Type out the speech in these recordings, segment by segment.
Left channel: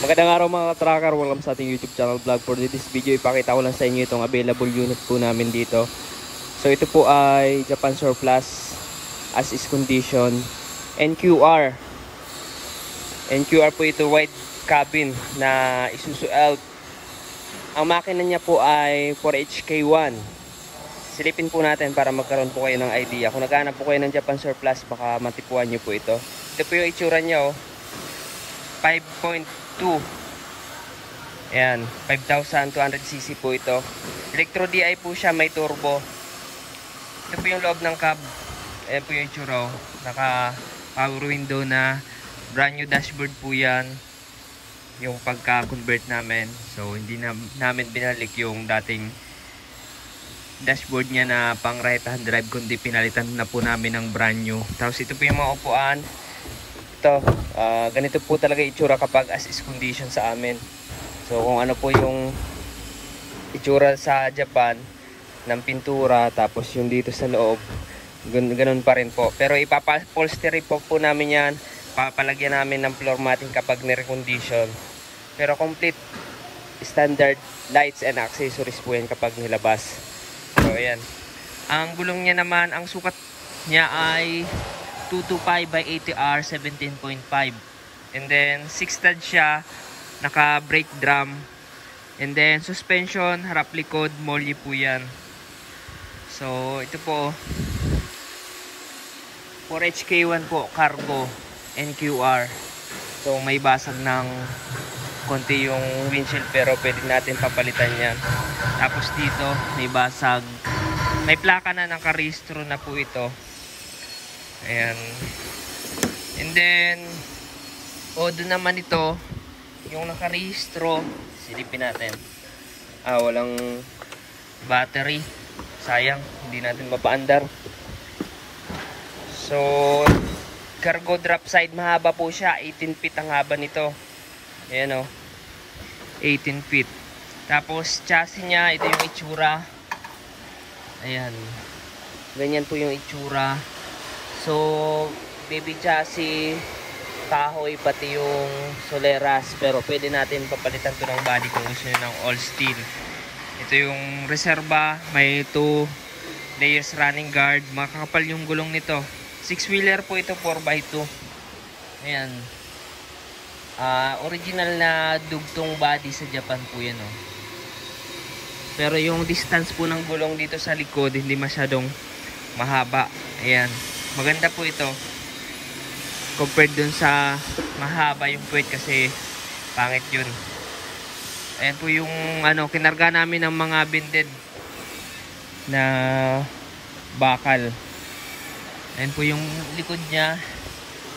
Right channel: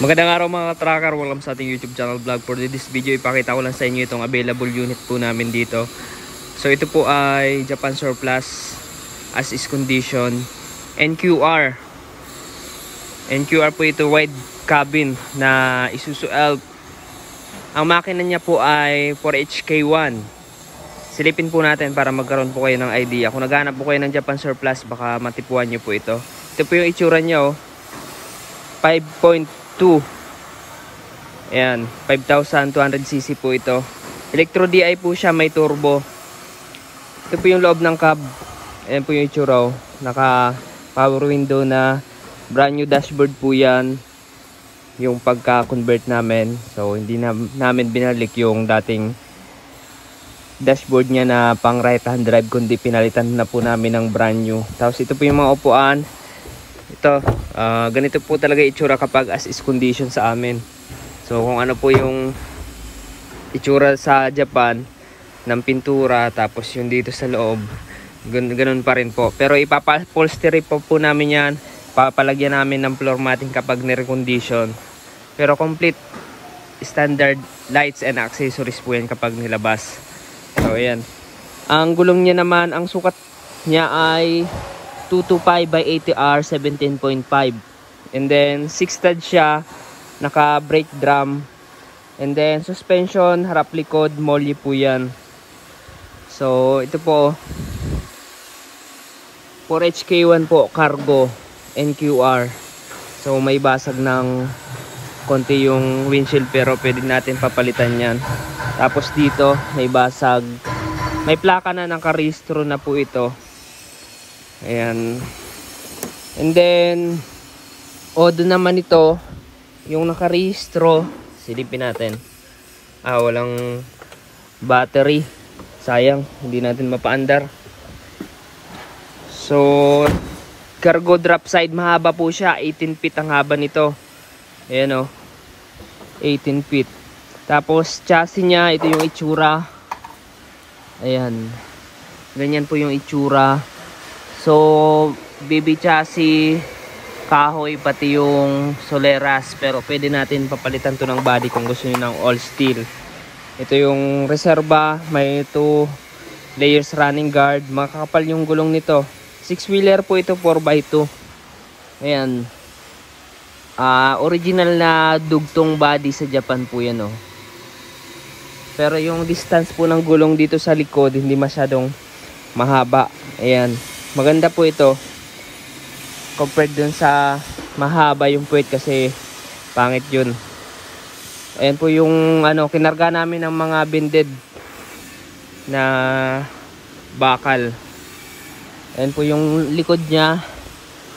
Magandang araw mga tracker, welcome sa ating YouTube channel vlog. For this video, ipakita ko lang sa inyo itong available unit po namin dito. So ito po ay Japan Surplus as is condition NQR. NQR po ito, wide cabin na Isuzu Elf. Ang makina niya po ay 4HK1. Silipin po natin para magkaroon po kayo ng idea. Kung naghanap po kayo ng Japan Surplus, baka matipuan nyo po ito. Ito po yung itsura niya, 5.2. Ayan, 5,200cc po ito. Electro DI po siya, may turbo. Ito po yung loob ng cab. Ayan po yung itsura, naka power window na, brand new dashboard po yan. Yung pagka-convert namin. So hindi namin binalik yung dating dashboard niya na pang right hand drive, kundi pinalitan na po namin ng brand new. Tapos ito po yung mga upuan. Ito, ganito po talaga itsura kapag as is condition sa amin. So kung ano po yung itsura sa Japan ng pintura, tapos yung dito sa loob, ganun pa rin po. Pero ipapapolstery po namin yan, papalagyan namin ng floor matting kapag nirecondition. Pero complete standard lights and accessories po yan kapag nilabas. So ayan, ang gulong niya naman, ang sukat niya ay 225 by 80R 17.5, and then 6 stud siya, naka brake drum, and then suspension harap likod molly po yan. So ito po 4HK1 po, cargo NQR. So may basag ng konti yung windshield, pero pwede natin papalitan yan. Tapos dito may basag, may plaka na, nakarehistro na po ito. Ayan. And then Odo naman ito, yung nakarehistro, silipin natin. Walang battery, sayang, hindi natin mapaandar. So cargo drop side, mahaba po siya, 18 feet ang haba nito. Ayan 18 feet. Tapos chassis niya, ito yung itsura. Ayan, ganyan po yung itsura. So BB chassis, kahoy, pati yung soleras, pero pwede natin papalitan to ng body kung gusto nyo ng all steel. Ito yung reserva, may 2 layers running guard, makakapal yung gulong nito. 6-wheeler po ito, 4x2. Ayan, original na dugtong body sa Japan po yan Pero yung distance po ng gulong dito sa likod hindi masyadong mahaba. Ayan, maganda po ito compared dun sa mahaba yung puwet, kasi pangit yun. Ayan po yung kinarga namin ng mga bended na bakal. Ayan po yung likod niya.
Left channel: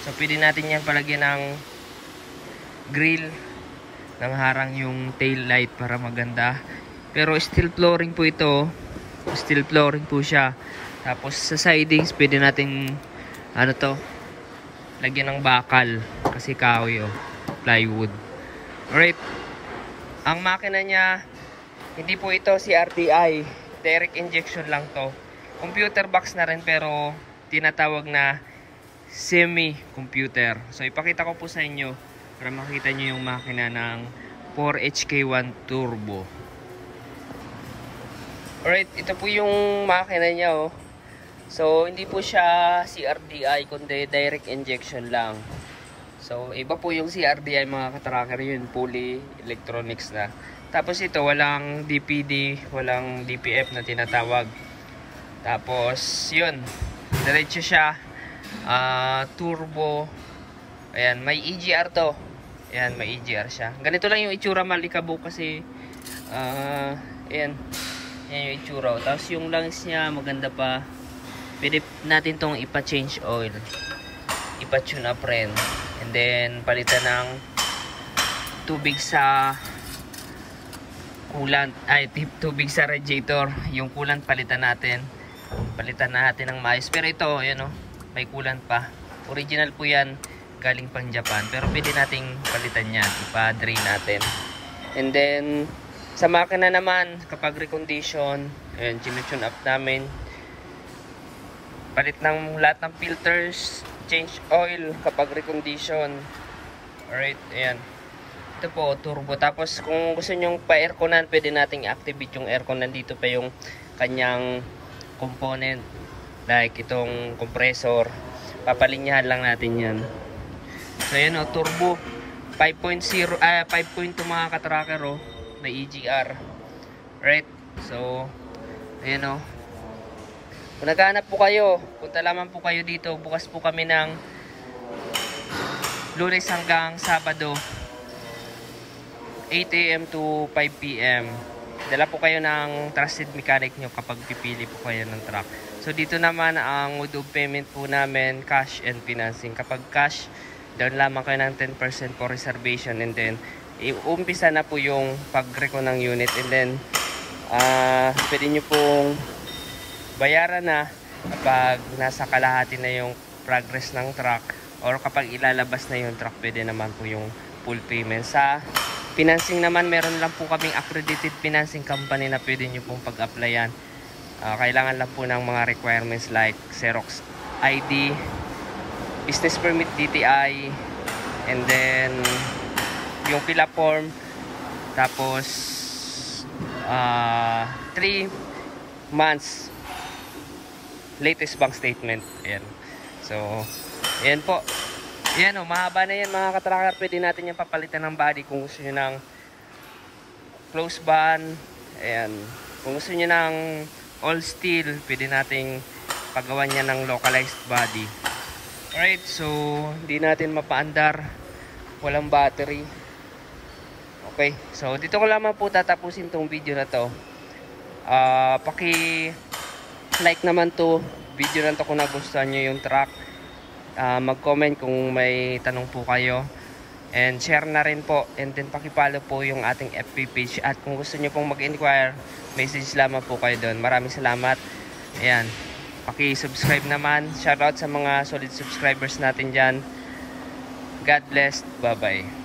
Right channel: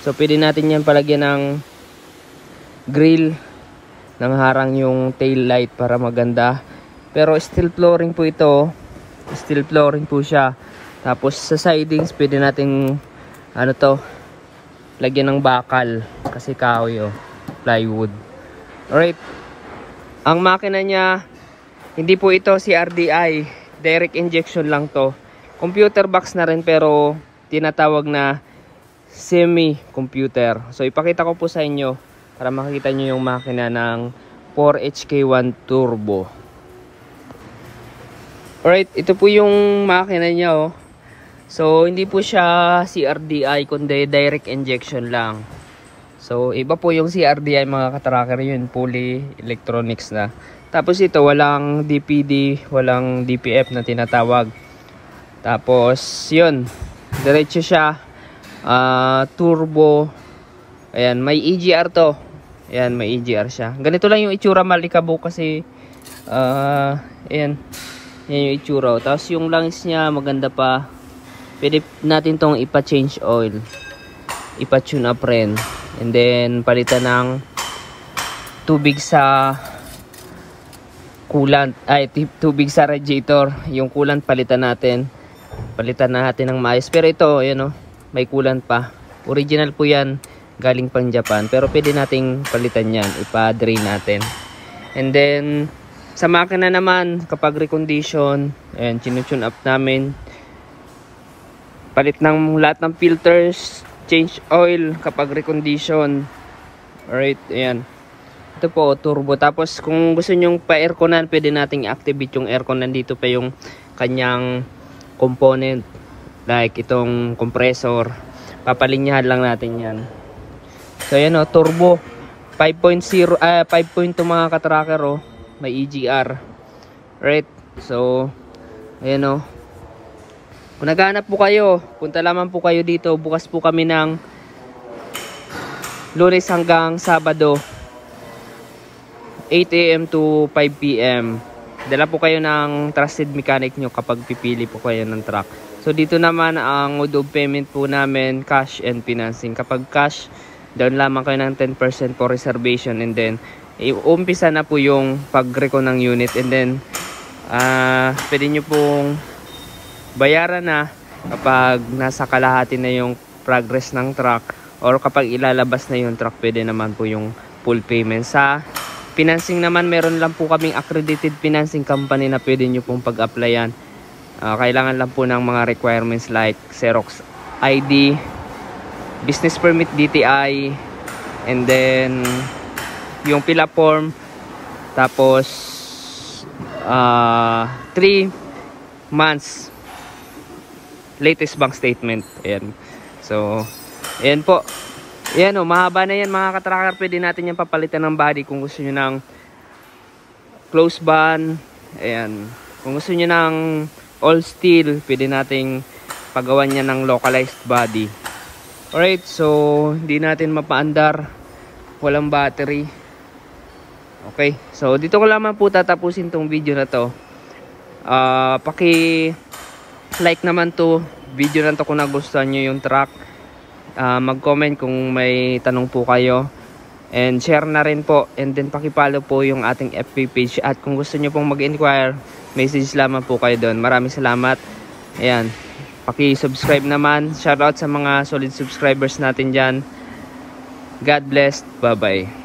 So pwede natin yan palagyan ng grill, nang harang yung tail light para maganda. Pero steel flooring po ito, steel flooring po siya. Tapos sa sidings pwede nating lagyan ng bakal, kasi kahoy plywood. Alright, ang makina niya, hindi po ito CRDI, direct injection lang to. Computer box na rin, pero tinatawag na semi computer. So ipakita ko po sa inyo para makita nyo yung makina ng 4HK1 turbo. Alright, ito po yung makina niya So hindi po siya CRDI, kundi direct injection lang. So iba po yung CRDI mga katracker, yun fully electronics na. Tapos ito walang DPD, walang DPF na tinatawag. Tapos yun, diretso siya, turbo. Ayan, may EGR to. Ayan, may EGR siya. Ganito lang yung itsura, malikabo kasi ayan, yan yung itsura. Tapos yung lungs niya maganda pa. Pwede natin tong ipa-change oil, ipa-tune up rin, and then palitan ng tubig sa coolant, tubig sa radiator. Yung coolant palitan natin ng maayos. Pero ito may coolant pa, original po yan, galing pang Japan, pero pwede nating palitan yan, ipa-drain natin. And then sa makina naman, kapag recondition, ayan, tune up namin, palit ng lahat ng filters, change oil kapag recondition. Alright, ayan. Ito po, turbo. Tapos kung gusto nyong pa-airconan, pwede nating i-activate yung aircon. Nandito pa yung kanyang component. Like itong compressor. Papalinyahan lang natin yan. So ayan o, turbo. 5.0, 5.2 mga katracker o. May EGR. Right? So, ayan o. Kung naghahanap po kayo, punta lamang po kayo dito. Bukas po kami ng Lunes hanggang Sabado. 8 AM to 5 PM. Dala po kayo ng trusted mechanic nyo kapag pipili po kayo ng truck. So dito naman ang mode of payment po namin, cash and financing. Kapag cash, down lamang kayo ng 10% for reservation, and then umpisa na po yung pag-recon ng unit, and then pwede nyo pong bayaran na kapag nasa kalahati na yung progress ng truck, or kapag ilalabas na yung truck, pwede naman po yung full payment. Sa financing naman, meron lang po kaming accredited financing company na pwede nyo pong pag-applyan. Kailangan lang po ng mga requirements like Xerox ID, business permit DTI, and then yung PILA form, tapos 3 months latest bank statement. Ayan. So, ayan po. Ayan o, mahaba na yan mga katracker. Pwede natin yung papalitan ng body kung gusto nyo ng close band. Ayan. Kung gusto nyo ng all steel, pwede nating pagawan niya ng localized body. Alright, so hindi natin mapaandar. Walang battery. Okay, so dito ko lamang po tatapusin tong video na to. Paki-like naman to video na to kung nagustuhan nyo yung truck. Mag-comment kung may tanong po kayo, and share na rin po, and then paki-follow po yung ating FB page, at kung gusto nyo pong mag-inquire, message lamang po kayo doon. Maraming salamat. Ayan, paki-subscribe naman. Shoutout sa mga solid subscribers natin dyan. God bless. Bye bye.